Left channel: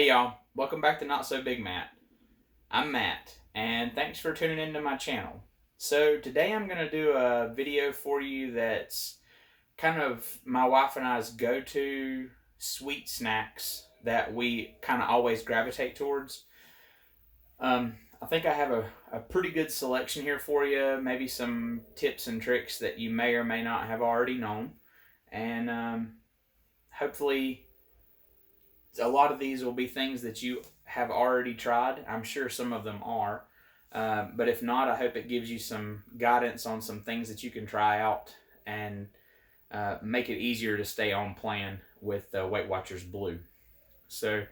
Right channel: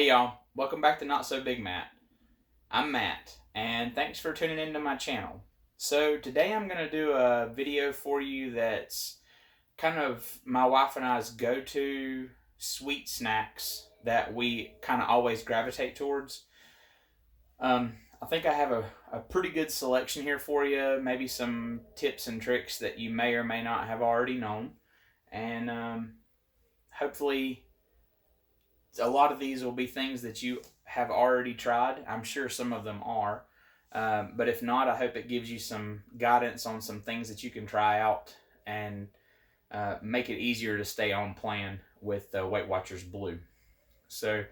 Hey y'all, welcome back to NotSoBiggMatt. I'm Matt, and thanks for tuning into my channel. So today I'm going to do a video for you that's kind of my wife and I's go-to sweet snacks that we kind of always gravitate towards. I think I have a pretty good selection here for you, maybe some tips and tricks that you may or may not have already known, and hopefully a lot of these will be things that you have already tried. I'm sure some of them are. But if not, I hope it gives you some guidance on some things that you can try out and make it easier to stay on plan with Weight Watchers Blue. So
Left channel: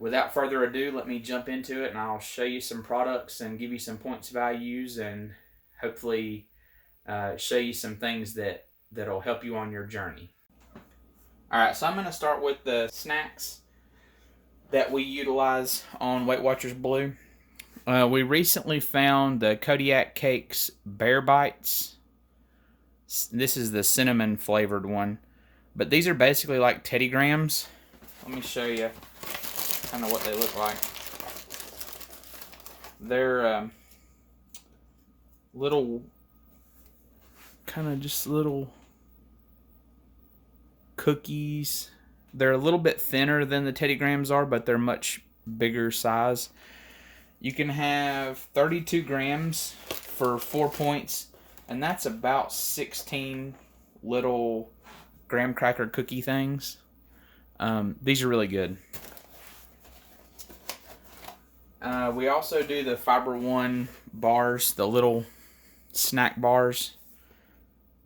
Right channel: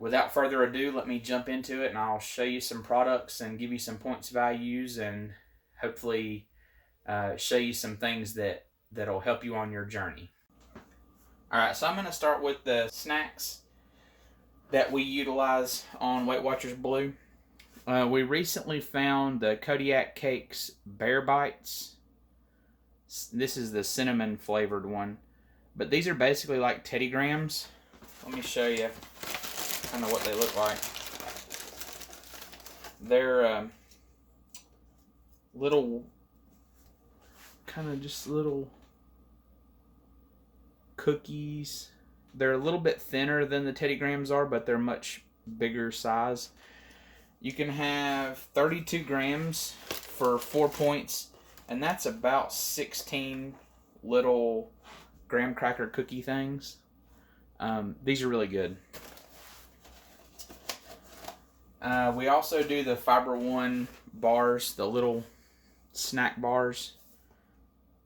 without further ado, let me jump into it and I'll show you some products and give you some points values and hopefully show you some things that'll help you on your journey. Alright, so I'm going to start with the snacks that we utilize on Weight Watchers Blue. We recently found the Kodiak Cakes Bear Bites. This is the cinnamon flavored one. But these are basically like Teddy Grahams. Let me show you kind of what they look like. They're little, kind of just little cookies. They're a little bit thinner than the Teddy Grahams are, but they're much bigger size. You can have 32 grams for 4 points, and that's about 16 little graham cracker cookie things. These are really good. We also do the Fiber One bars, the little snack bars.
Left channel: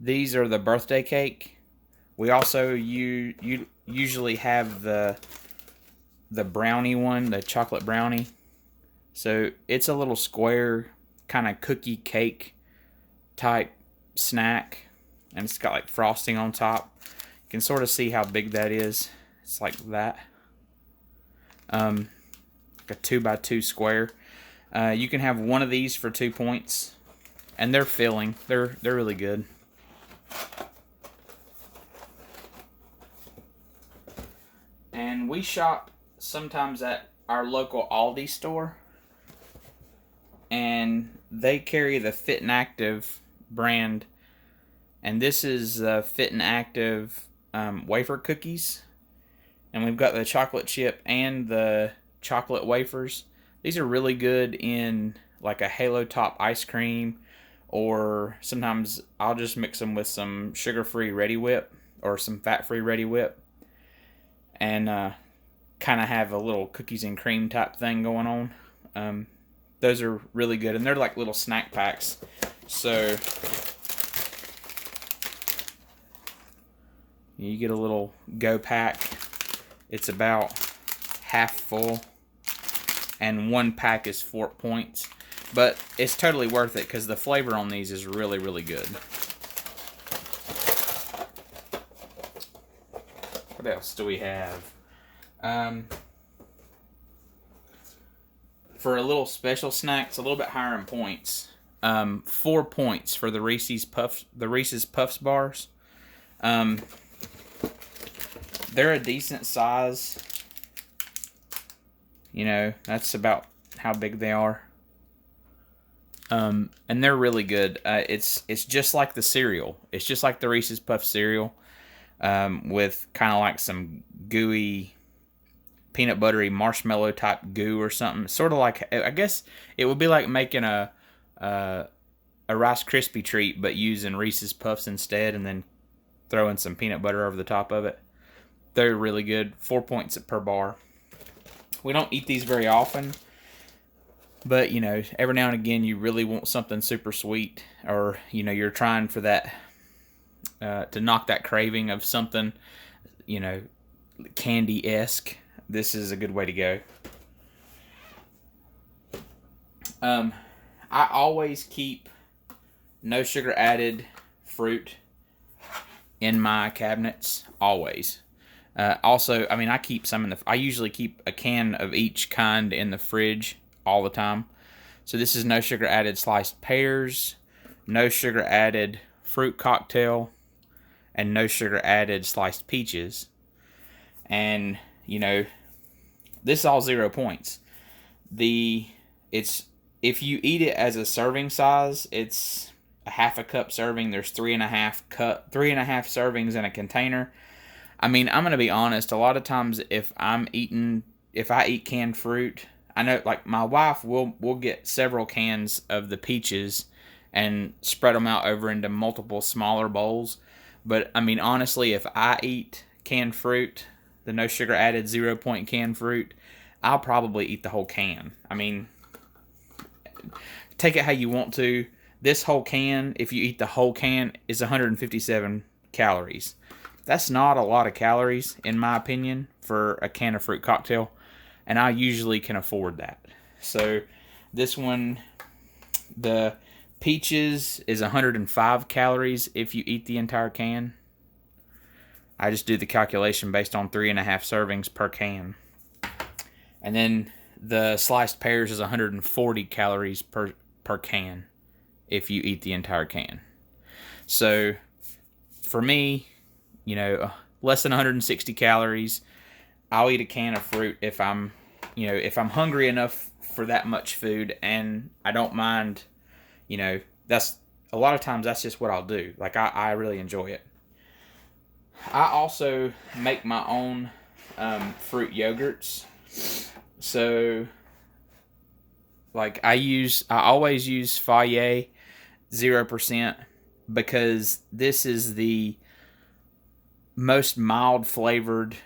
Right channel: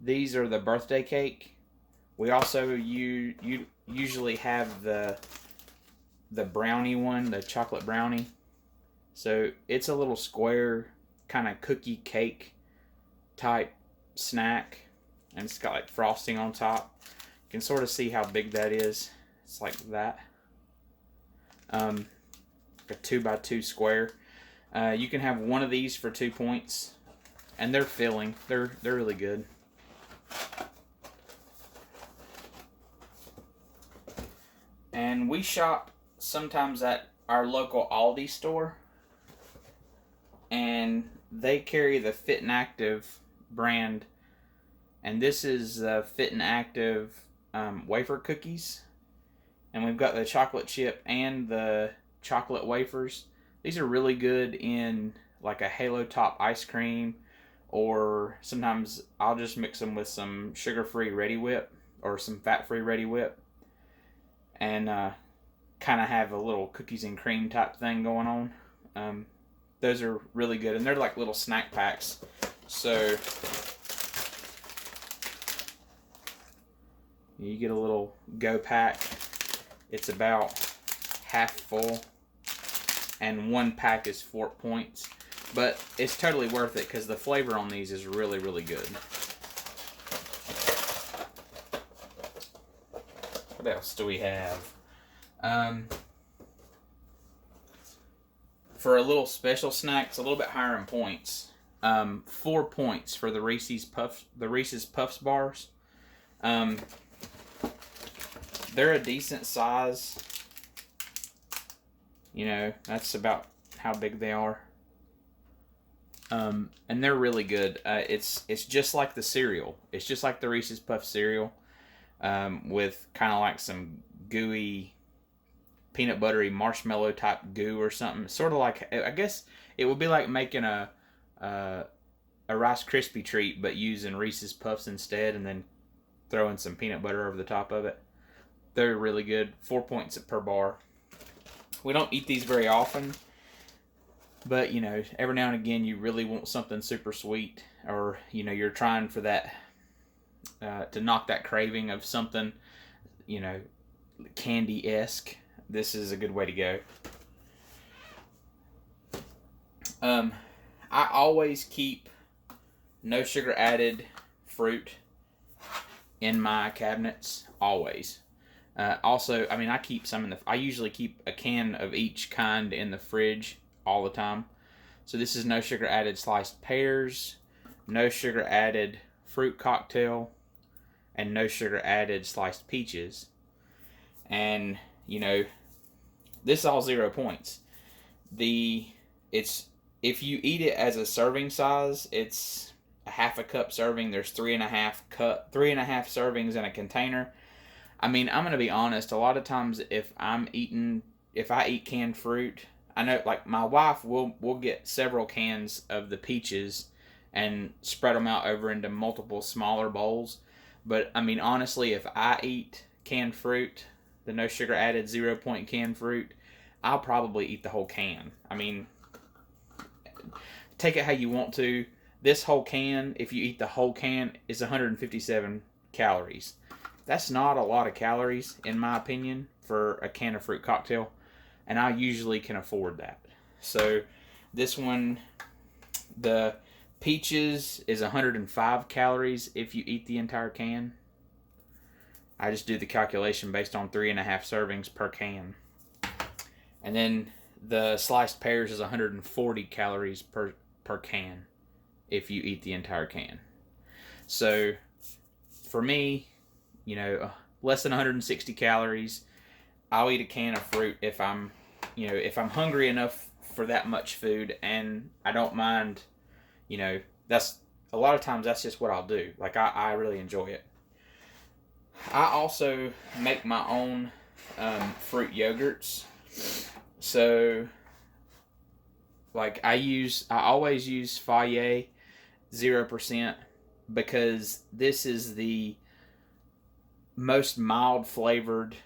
These are the birthday cake. We also usually have the brownie one, the chocolate brownie. So it's a little square kind of cookie cake type snack, and it's got like frosting on top. You can sort of see how big that is. It's like that, like a 2x2 square. You can have one of these for 2 points, and they're filling. They're really good. And we shop sometimes at our local Aldi store, and they carry the Fit and Active brand, and this is Fit and Active wafer cookies, and we've got the chocolate chip and the chocolate wafers. These are really good in like a Halo Top ice cream, or sometimes I'll just mix them with some sugar-free Ready Whip or some fat-free Ready Whip, and kind of have a little cookies and cream type thing going on. Those are really good, and they're like little snack packs. So you get a little go pack. It's about half full, and one pack is 4 points. But it's totally worth it because the flavor on these is really, really good. What else do we have? For a little special snack, it's a little bit higher in points. 4 points for the Reese's Puffs bars. They're a decent size. You know, that's about how big they are. And they're really good. It's just like the cereal. It's just like the Reese's Puff cereal, with kind of like some gooey, peanut buttery marshmallow type goo or something. Sort of like, I guess it would be like making a Rice Krispie treat, but using Reese's Puffs instead, and then throwing some peanut butter over the top of it. They're really good. 4 points per bar. We don't eat these very often, but you know, every now and again you really want something super sweet, or you know, you're trying for that to knock that craving of something, you know, candy-esque. This is a good way to go. I always keep no sugar added fruit in my cabinets, always. Also, I mean, I keep some in I usually keep a can of each kind in the fridge all the time. So this is no sugar added sliced pears, no sugar added fruit cocktail, and no sugar added sliced peaches. And, you know, this is all 0 points. It's if you eat it as a serving size, it's a half a cup serving. There's 3.5 servings in a container. I mean, I'm gonna be honest. A lot of times, if I eat canned fruit, I know like my wife will get several cans of the peaches and spread them out over into multiple smaller bowls. But I mean, honestly, if I eat canned fruit, the no sugar added 0 point canned fruit, I'll probably eat the whole can. I mean, take it how you want to. This whole can, if you eat the whole can, is 157 calories. That's not a lot of calories, in my opinion, for a can of fruit cocktail, and I usually can afford that. So this one, the peaches is 105 calories if you eat the entire can. I just do the calculation based on 3.5 servings per can. And then the sliced pears is 140 calories per can if you eat the entire can. So for me, you know, less than 160 calories. I'll eat a can of fruit if I'm hungry enough for that much food, and I don't mind, that's a lot of times that's just what I'll do. Like I really enjoy it. I also make my own fruit yogurts. So like I always use Fage 0% because this is the most mild flavored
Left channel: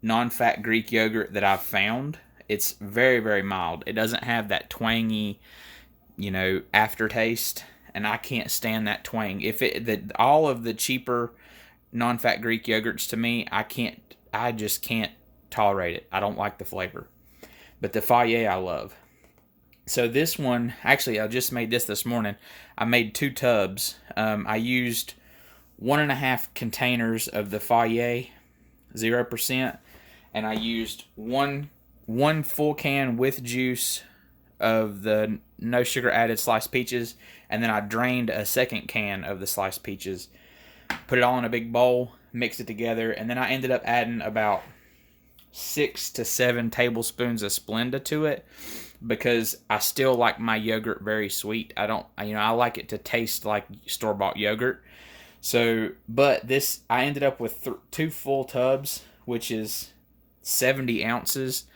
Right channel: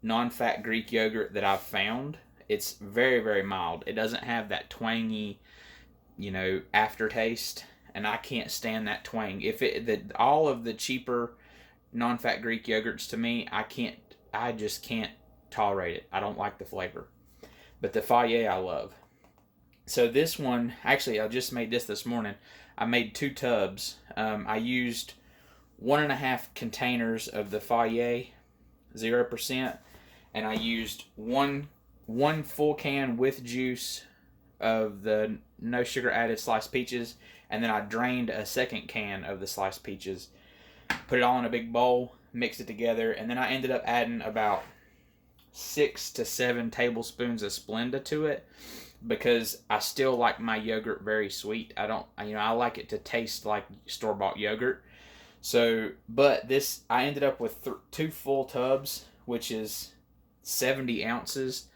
non-fat Greek yogurt that I've found. It's very, very mild. It doesn't have that twangy, aftertaste, and I can't stand that twang. All of the cheaper non-fat Greek yogurts, to me, I just can't tolerate it. I don't like the flavor. But the Fage I love. So this one, actually, I just made this morning. I made 2 tubs. I used 1.5 containers of the Fage 0%, and I used one full can with juice of the no sugar added sliced peaches, and then I drained a second can of the sliced peaches, put it all in a big bowl, mixed it together, and then I ended up adding about 6 to 7 tablespoons of Splenda to it because I still like my yogurt very sweet. I like it to taste like store-bought yogurt. So, but I ended up with 2 full tubs, which is 70 ounces.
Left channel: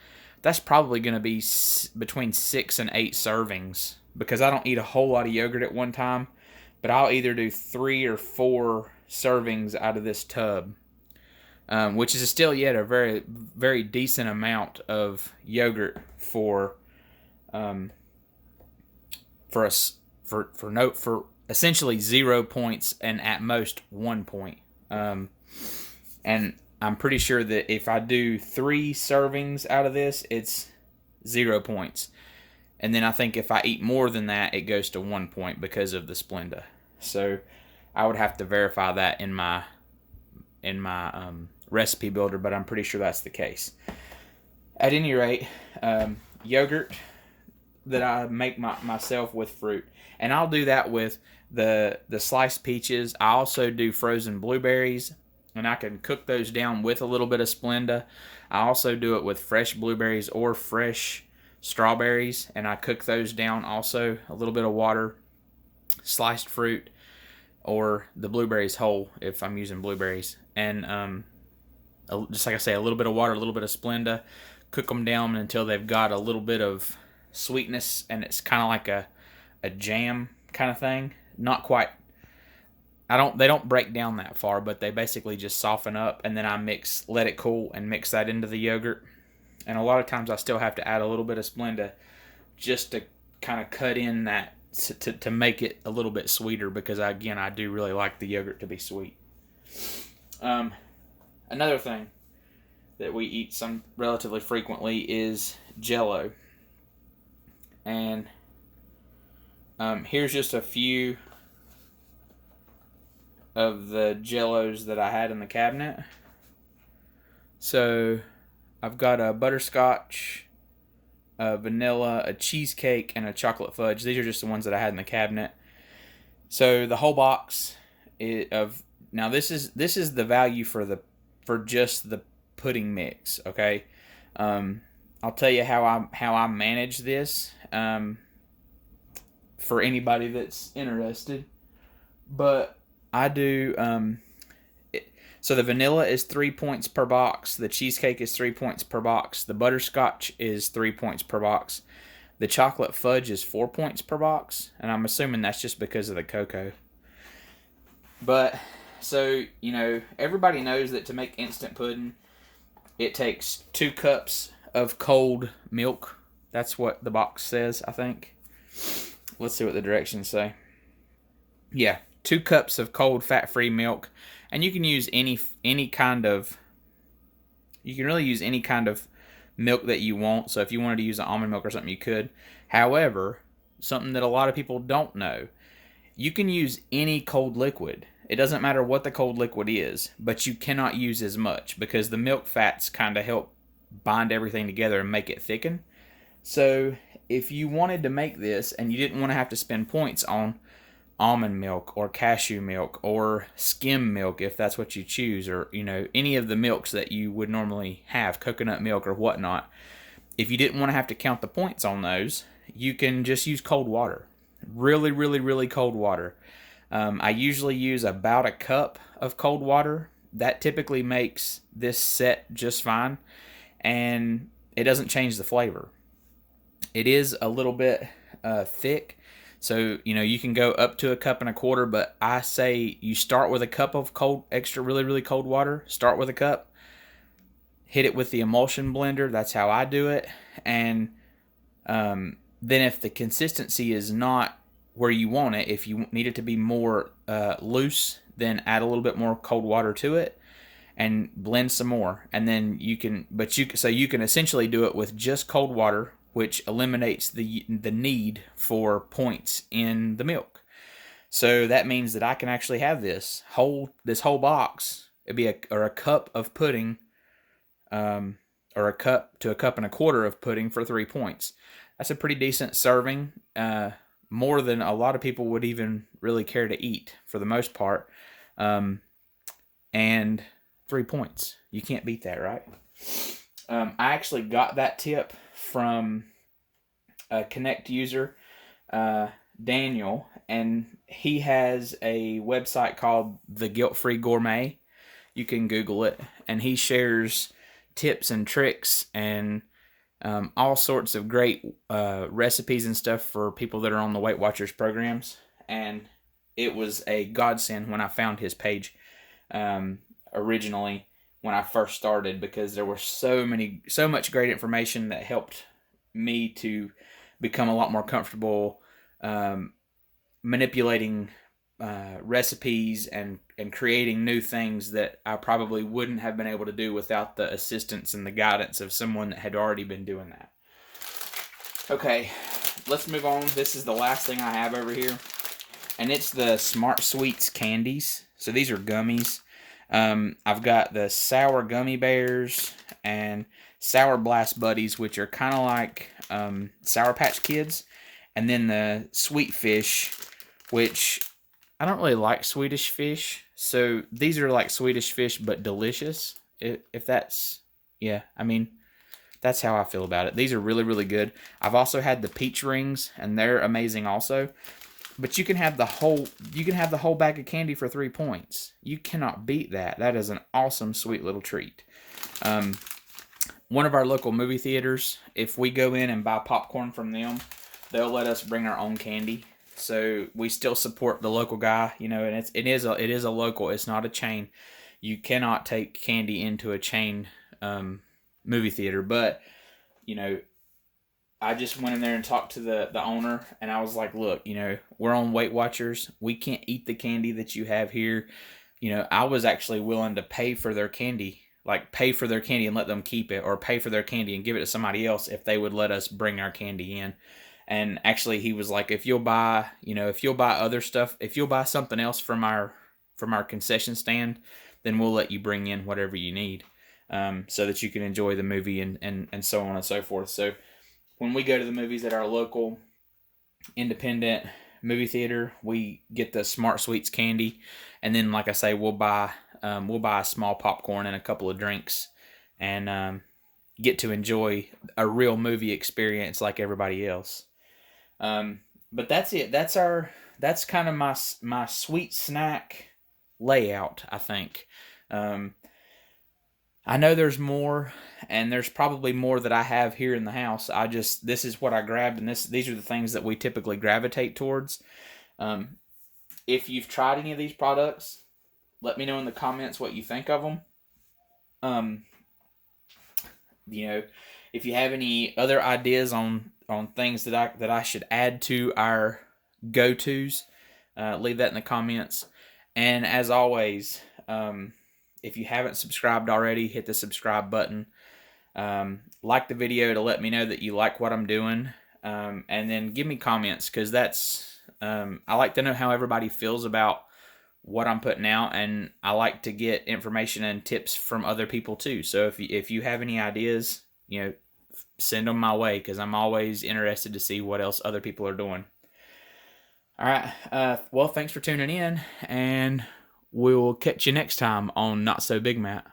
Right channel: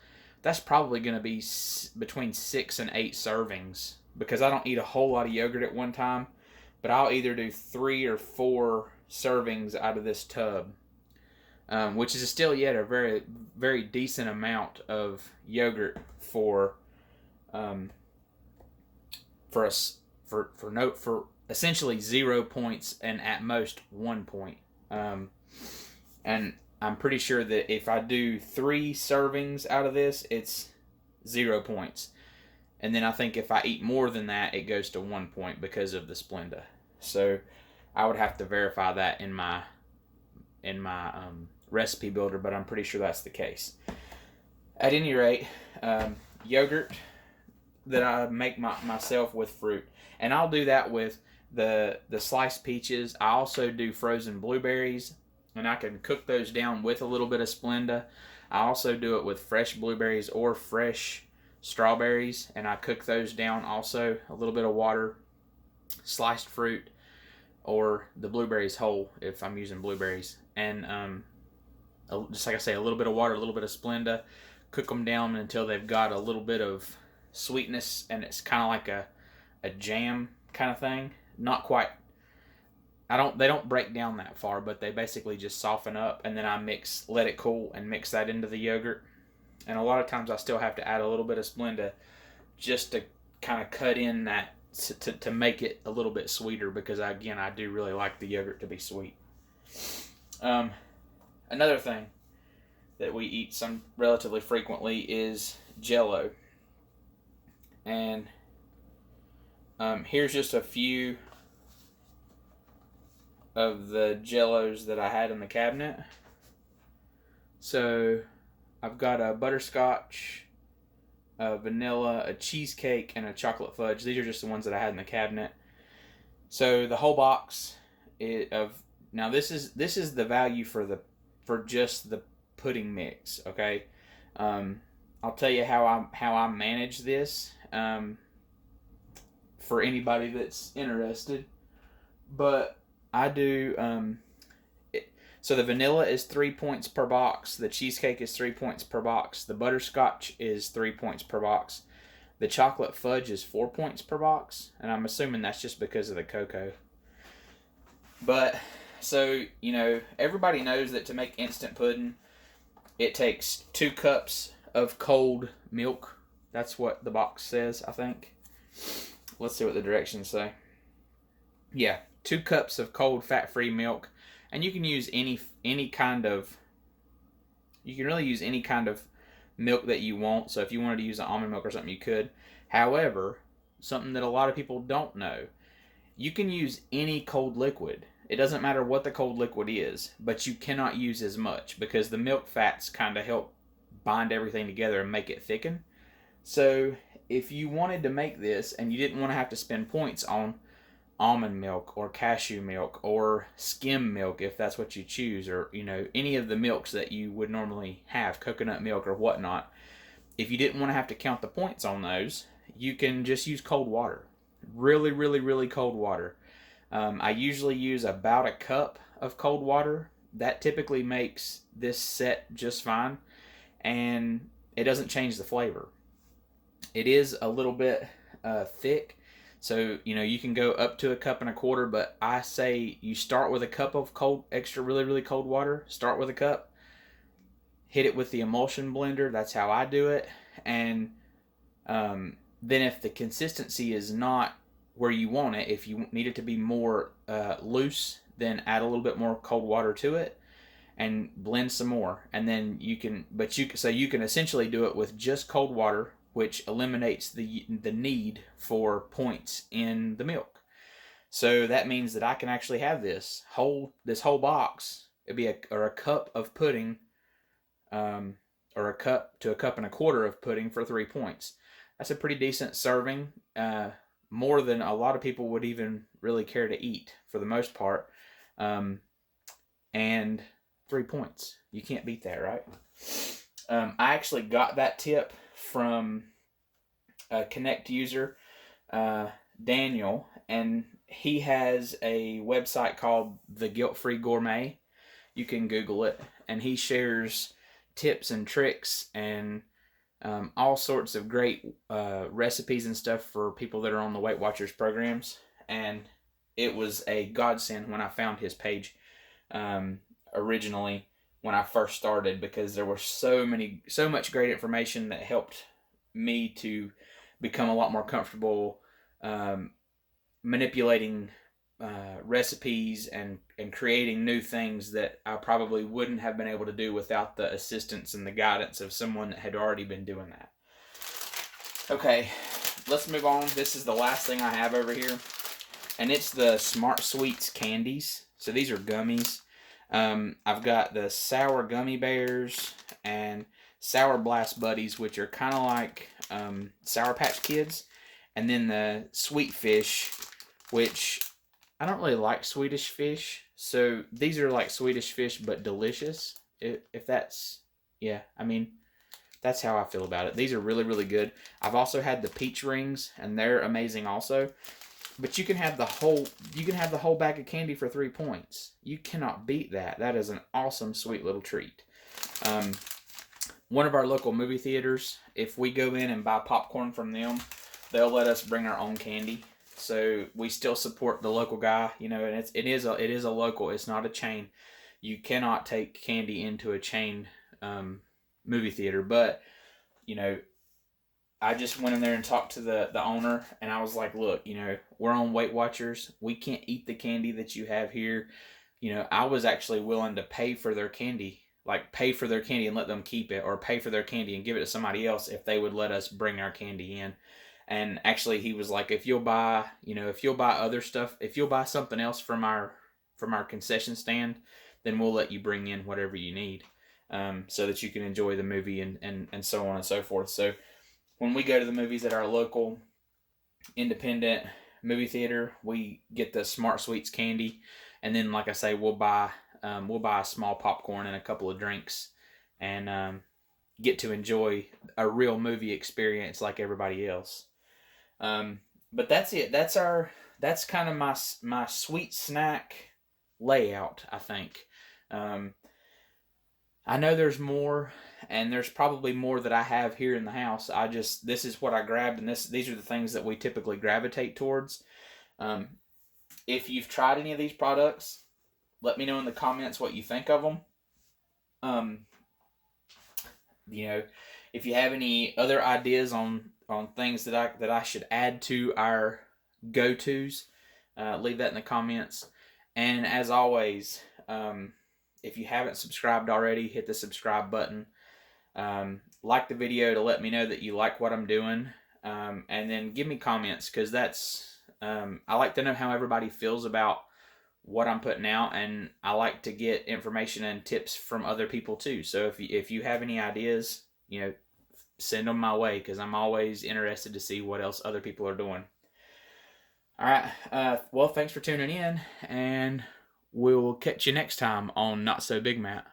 That's probably going to be between 6 and 8 servings because I don't eat a whole lot of yogurt at one time, but I'll either do 3 or 4 servings out of this tub, which is still yet a very, very decent amount of yogurt for essentially 0 points and at most 1 point. And I'm pretty sure that if I do 3 servings out of this, it's 0 points. And then I think if I eat more than that, it goes to 1 point because of the Splenda. So I would have to verify that in my recipe builder, but I'm pretty sure that's the case. At any rate, yogurt that I make myself with fruit. And I'll do that with the sliced peaches. I also do frozen blueberries, and I can cook those down with a little bit of Splenda. I also do it with fresh blueberries or fresh strawberries, and I cook those down also. A little bit of water, sliced fruit, or the blueberries whole if I'm using blueberries. And just like I say, a little bit of water, a little bit of Splenda. Cook them down until they've got a little bit of sweetness, and it's kind of like a jam kind of thing. Not quite. They don't break down that far, but they basically just soften up, and then I let it cool and mix that into the yogurt. And a lot of times I still have to add a little bit of Splenda just to kind of cut in that to make it a little bit sweeter, because I do really like the yogurt to be sweet. Another thing that we eat some relatively frequently is Jello. And here's just a few of the Jellos that I had in the cabinet. So I've got a butterscotch, a vanilla, a cheesecake, and a chocolate fudge. These are just the ones that I had in the cabinet. So the whole box now this is the value for just the pudding mix. Okay, I'll tell you how I manage this for anybody that's interested. But I do. So the vanilla is 3 points per box. The cheesecake is 3 points per box. The butterscotch is 3 points per box. The chocolate fudge is 4 points per box, and I'm assuming that's just because of the cocoa. But so everybody knows that to make instant pudding, it takes 2 cups of cold milk. That's what the box says, I think. Let's see what the directions say. Yeah, 2 cups of cold fat-free milk, and you can use any kind of. You can really use any kind of milk that you want. So if you wanted to use an almond milk or something, you could. However, something that a lot of people don't know, you can use any cold liquid. It doesn't matter what the cold liquid is, but you cannot use as much because the milk fats kind of help bind everything together and make it thicken. So if you wanted to make this and you didn't want to have to spend points on almond milk or cashew milk or skim milk, if that's what you choose, or any of the milks that you would normally have, coconut milk or whatnot, if you didn't want to have to count the points on those, you can just use cold water. Really, really, really cold water. I usually use about a cup of cold water. That typically makes this set just fine, and it doesn't change the flavor. It is a little bit thick, so you can go up to a cup and a quarter, but I say you start with a cup of extra really, really cold water. Start with a cup, hit it with the emulsion blender. That's how I do it. And then if the consistency is not where you want it, if you need it to be more loose, then add a little bit more cold water to it and blend some more. And then you can essentially do it with just cold water, which eliminates the need for points in the milk. So that means that I can actually have this whole box. It'd be a cup of pudding, or a cup to a cup and a quarter of pudding for 3 points. That's a pretty decent serving. More than a lot of people would even really care to eat for the most part. And 3 points. You can't beat that, right? I actually got that tip from a Connect user, Daniel, and he has a website called the GuiltFree Gourmet. You can Google it, and he shares tips and tricks and all sorts of great recipes and stuff for people that are on the Weight Watchers programs. And it was a godsend when I found his page originally when I first started, because there was so much great information that helped me to become a lot more comfortable manipulating recipes and creating new things that I probably wouldn't have been able to do without the assistance and the guidance of someone that had already been doing that. Okay, let's move on. This is the last thing I have over here, and it's the Smart Sweets candies. So these are gummies. I've got the sour gummy bears and sour blast buddies, which are kind of like Sour Patch Kids, and then the sweet fish, which I don't really like Swedish fish, so these are like Swedish fish but delicious. If that's, yeah, I mean, that's how I feel about it. These are really, really good. I've also had the peach rings, and they're amazing also. But you can have the whole bag of candy for 3 points. You cannot beat that. That is an awesome, sweet little treat. One of our local movie theaters, if we go in and buy popcorn from them, they'll let us bring our own candy. So we still support the local guy, and it is a local. It's not a chain. You cannot take candy into a chain movie theater. But I just went in there and talked to the owner, and I was like, look, we're on Weight Watchers. We can't eat the candy that you have here. I was actually willing to pay for their candy, and let them keep it, or pay for their candy and give it to somebody else if they would let us bring our candy in. And actually he was like, if you'll buy other stuff, if you'll buy something else from our concession stand, then we'll let you bring in whatever you need, so that you can enjoy the movie and so on and so forth. So when we go to the movies at our local independent movie theater, we get the Smart Sweets candy, and then, like I say, we'll buy a small popcorn and a couple of drinks, and get to enjoy a real movie experience like everybody else. But that's it. That's kind of my sweet snack layout, I think. Um, I know there's more, and there's probably more that I have here in the house. This is what I grabbed, and these are the things that we typically gravitate towards. Um, if you've tried any of these products, let me know in the comments what you think of them. Um, you know, if you have any other ideas on things that I should add to our go-tos, leave that in the comments. And as always, if you haven't subscribed already, hit the subscribe button. Like the video to let me know that you like what I'm doing, and then give me comments, because I like to know how everybody feels about what I'm putting out, and I like to get information and tips from other people too. So if you have any ideas, send them my way, because I'm always interested to see what else other people are doing. All right. Well, thanks for tuning in, and we'll catch you next time on Not So Big Matt.